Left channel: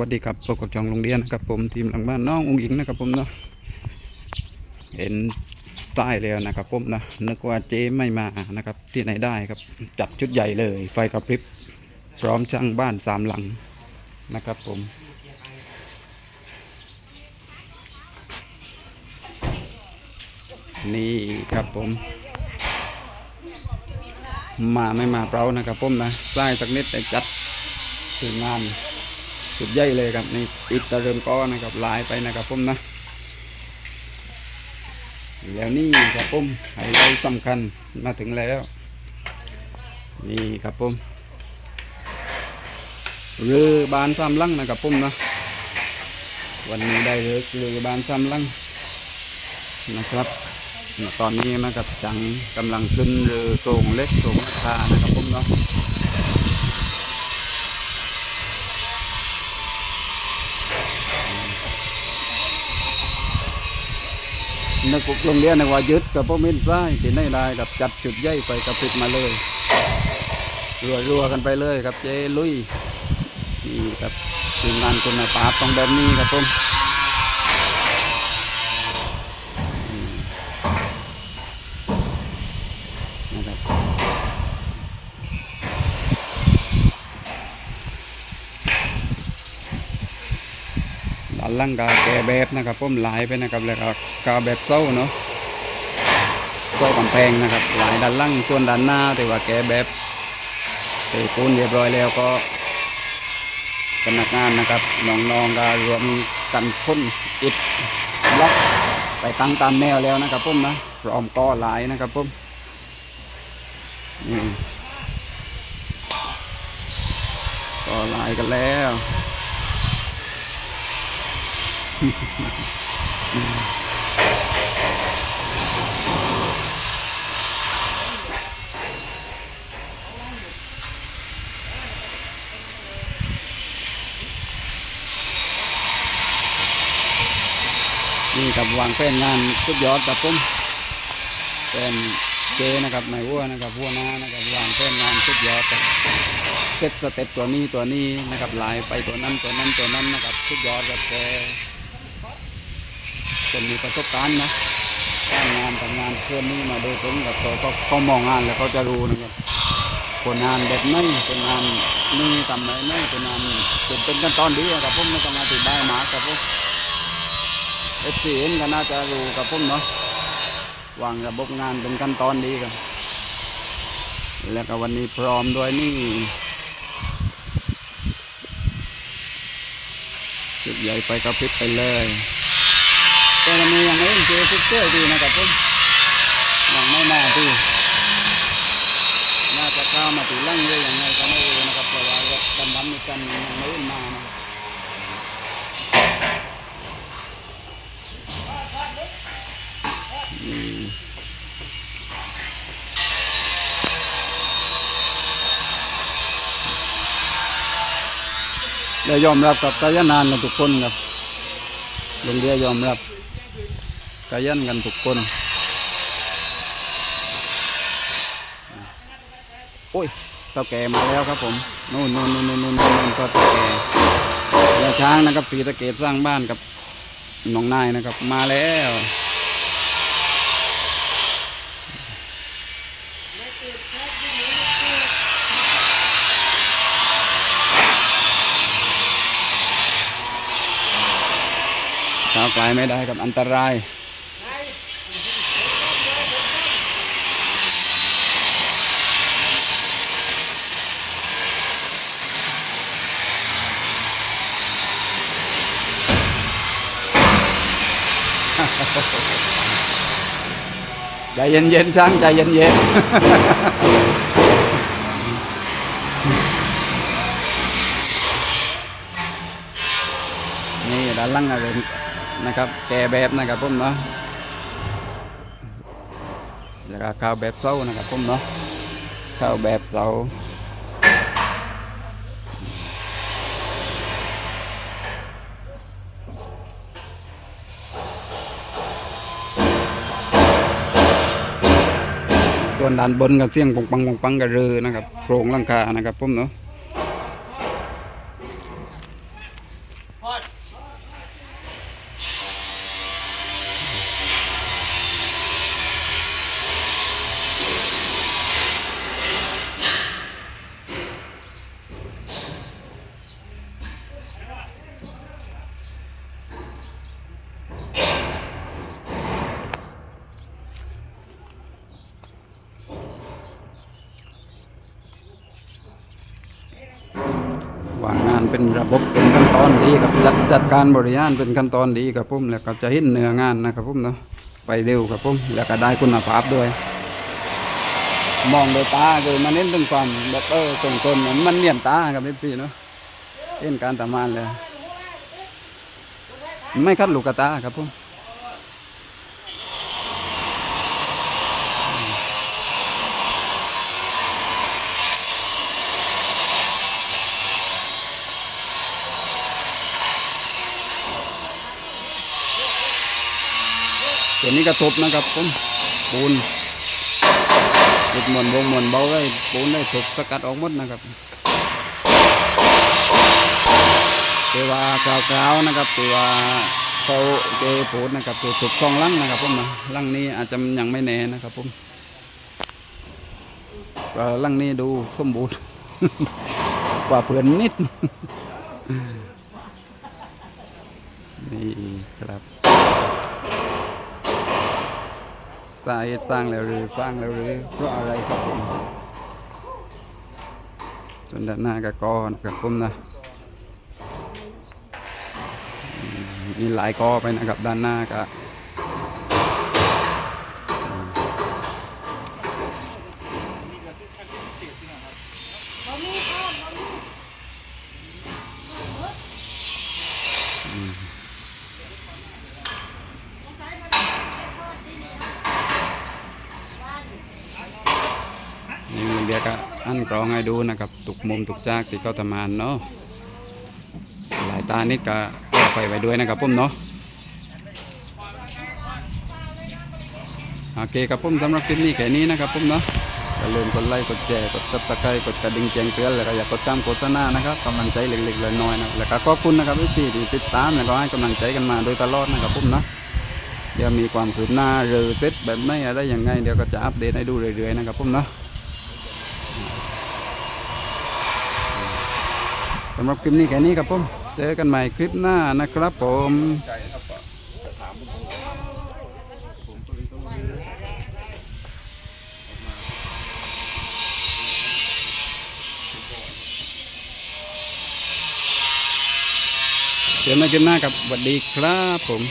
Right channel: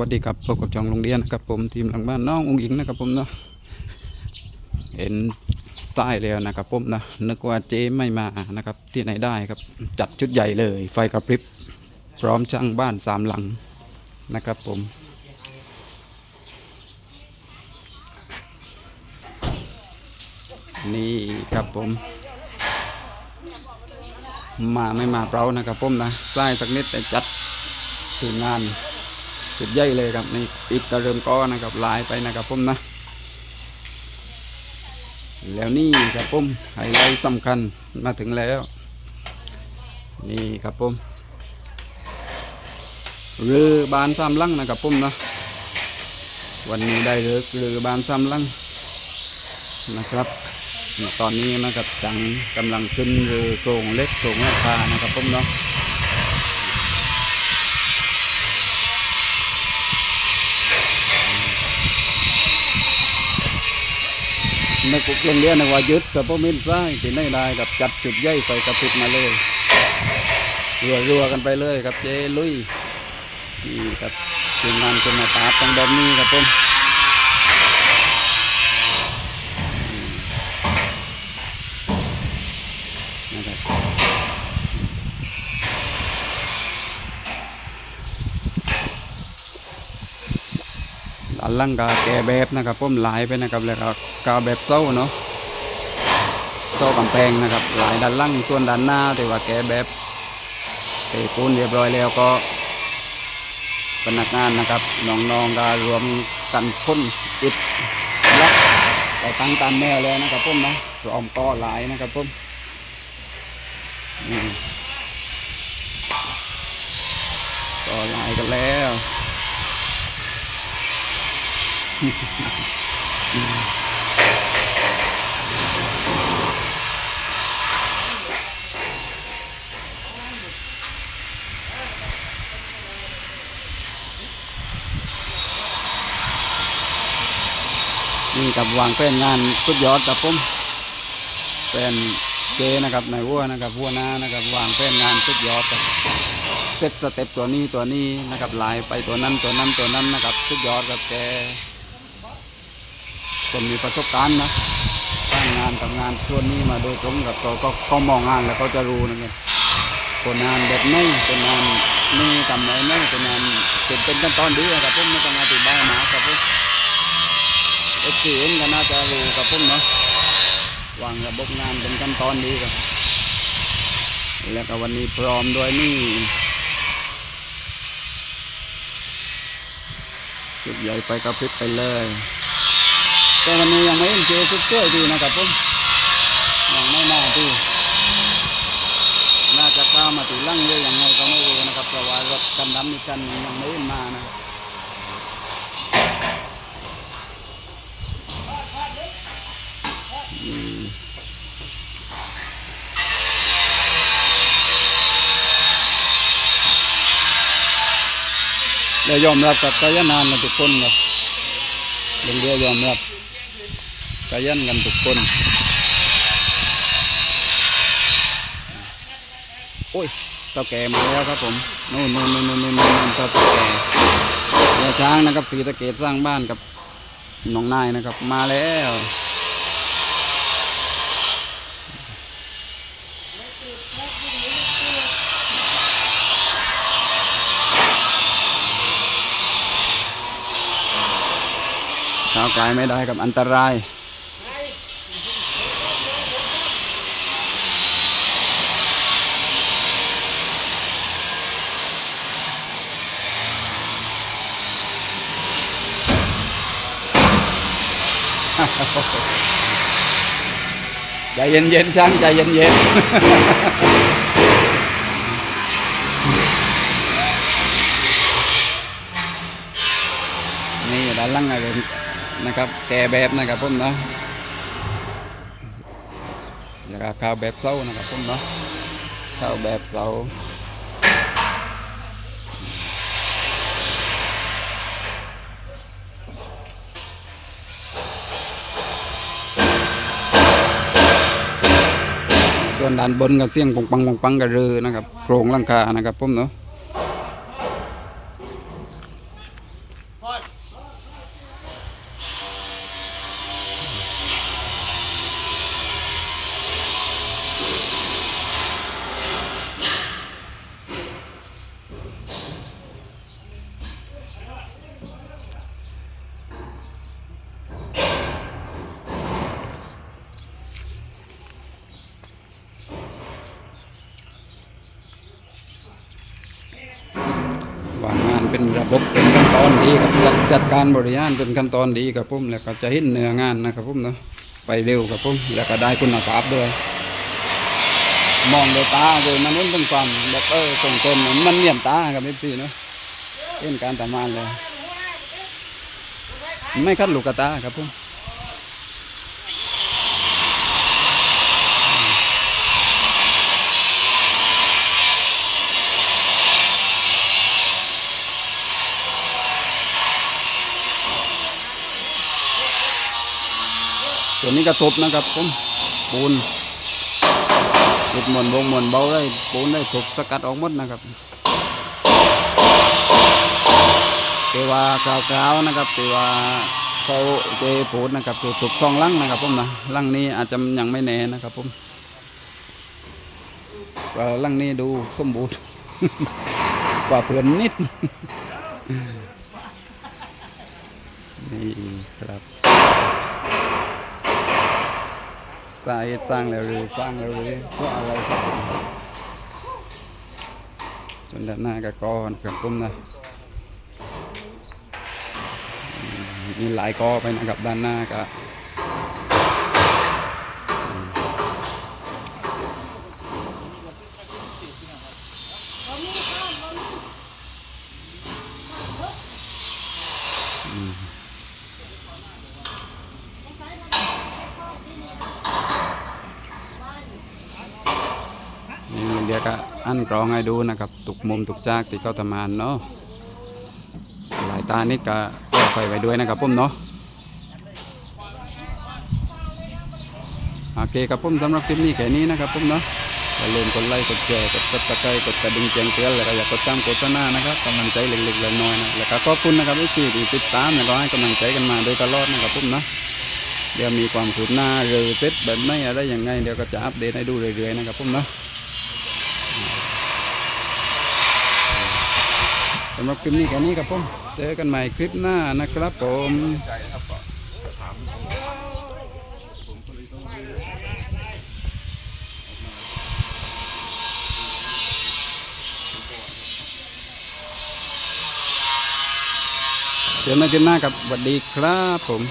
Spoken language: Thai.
วัสดีครับพบกับจองโรงเรียนนะครับผมทีมหลังบ้านน้ององอิงนะครับผมเนาะเห็นทรายแล้วนะครับผมนะนึกว่าเจ๊ไม่มานะครับที่ไหนได้ครับจัดชุดใหญ่เลย ไฟกระพริบพร้อมช่างบ้านสามหลังนะครับผมนี่ครับผม มาไม่มาเปล่านะครับผมนะทรายสักนิดแต่จัดทีมงาน จุดใหญ่เลยครับนี่อิฐกระเริ่มก้อนะครับลายไปนะครับผมนะ แล้วนี่ครับผมไฮไลท์สำคัญมาถึงแล้ว นี่ครับผมเรือบานสามลังนะครับผมนะวันนี้ได้เรือเรือบานสามลังนะครับตอนนี้นะครับจังกำลังขึ้นเรือโครงเล็กโครงราคานะครับผมเนาะ นึกโรงเรียนนึกว่ายึดกับพ่อมินซ้ายที่ในได้กับจัดจุดใหญ่ไปกับพิดมาเลยรัวรัวกันไปเลยครับเจลุยนี่ครับทีมงานคุณภาพต้องแบบนี้ครับผมอืมนะครับ ด้านล่างกาแกแบบนะครับผมหลายไปนะครับแล้วก็กาแบบเส้าเนาะเส้ากำแพงนะครับหลายด้านล่างส่วนด้านหน้าแต่ว่าแกแบบเตะปูนเรียบร้อยแล้วก็พนักงานนะครับน้องๆก็รวมกันพ่นอิฐบล็อกไปตั้งตามแนวแล้วนะครับผมนะพร้อมก่อหลายนะครับผมนี่ก่อหลายกันแล้ว นี่กับวางแผนงานสุดยอดครับผมเป็นเจนะครับในวัวนะครับวัวน้านะครับวางแผนงานสุดยอดครับเซตสเต็ปตัวนี้ตัวนี้นะครับลายไปตัวนั้นตัวนั้นตัวนั้นนะครับสุดยอดครับแก คนมีประสบการณ์นะสร้างานทำงานส่วนนี้มาโดยตรงกับเขาก็เขามองงานแล้วเขาจะรู้นะครับคนงานแบบไหนคนงานนี่ทำอะไรไหนคนงานเป็นเป็นขั้นตอนดีครับผมไม่ต้องอธิบายมากครับผมเอฟซีเองก็น่าจะรู้กับผมเนาะวางระบบงานเป็นขั้นตอนดีครับ แล้วก็วันนี้พร้อมด้วยนี่จุดใหญ่ไปกระพริบไปเลย แต่วันนี้ยังไม่เจอสุดเจ้ดีนะครับผมยังไม่น่าที่น่าจะเข้ามาตีลั่งเลยยังไงก็ไม่รู้นะครับเพราะว่ารถกันดำมีกันยังไม่มานะอืมและยอมรับกับกายนานกันทุกคนครับโรงเรียยอมรับ กายันกันทุกคน โอ้ยเต่าแก่มาแล้วครับผมนู่นนู่นนู่นนู่นนู่นนู่นเต่าแก่ยาช้างนะครับสีตะเกตสร้างบ้านกับน้องนายนะครับ มาแล้วเช้าวไกลไม่ได้กับอันตราย ใจเย็นๆช่างใจเย็นๆนี่ด้านล่างนะครับแกแบบนะครับผมเนาะแล้วก็ข้าวแบบเส้านะครับผมเนาะข้าวแบบเส้า ส่วนด้านบนก็เสียงปงปังปงปังกระเรือนะครับโครงหลังคานะครับผมเนาะ เป็นระบบเป็นขั้นตอนดีครับจัดจัดการบริหารเป็นขั้นตอนดีครับผมแล้วก็จะเห็นเนื้องานนะครับผมเนาะไปเร็วครับผมแล้วก็ได้คุณภาพด้วย มองโดยตาคือมันเน้นถึงความแบบเออตรงต้นมันเนียนตาครับพี่เนาะเห็นการทำงานเลย ไม่คัดลูกตาครับผม ตัวนี้กระทบนะครับผมปูนหลุดหมวนวงหมวนเบาได้ปูนได้ถูกสกัดออกหมดนะครับแต่ว่ากราวๆนะครับแต่ว่าเขาเจปูนนะครับคือถูกช่องลังนะครับผมนะลังนี้อาจจะยังไม่แน่นะครับผมลังนี้ดูสมบูรณ์กว่าเพื่อนนิดนี่ครับ สาเหตุสร้างแล้วหรือสร้างแล้วหรือเพราะอะไรครับจนด้านหน้าก็กอนะครับผมนะมมีหลายกอไปนะครับด้านหน้าก็ เบียร์ก็อันกรองให้ดูนะครับตุกมุมตุกจากที่เขาทำงานเนาะหลายตานิดก็ก็ไปไว้ด้วยนะครับผมเนาะโอเคครับผมสำหรับคลิปนี้แค่นี้นะครับผมเนาะอย่าลืมกดไลค์กดแชร์กดซับสไครต์กดกระดิ่งแจ้งเตือนแล้วก็อย่ากดตามโฆษณานะครับกำลังใจเล็กๆน้อยๆนะแล้วก็ขอบคุณนะครับทุกที่ที่ติดตามแล้วก็ให้กำลังใจกันมาโดยตลอดนะครับผมเนาะเดี๋ยวมีความคืบหน้าหรือเซ็ตแบบไหนอะไรยังไงเดี๋ยวก็จะอัปเดตให้ดูเรื่อยๆนะครับผมเนาะ สำหรับคลิปนี้แค่นี้ครับผม เจอกันใหม่คลิปหน้านะครับผมเจอกันคลิปหน้ากับสวัสดีครับผม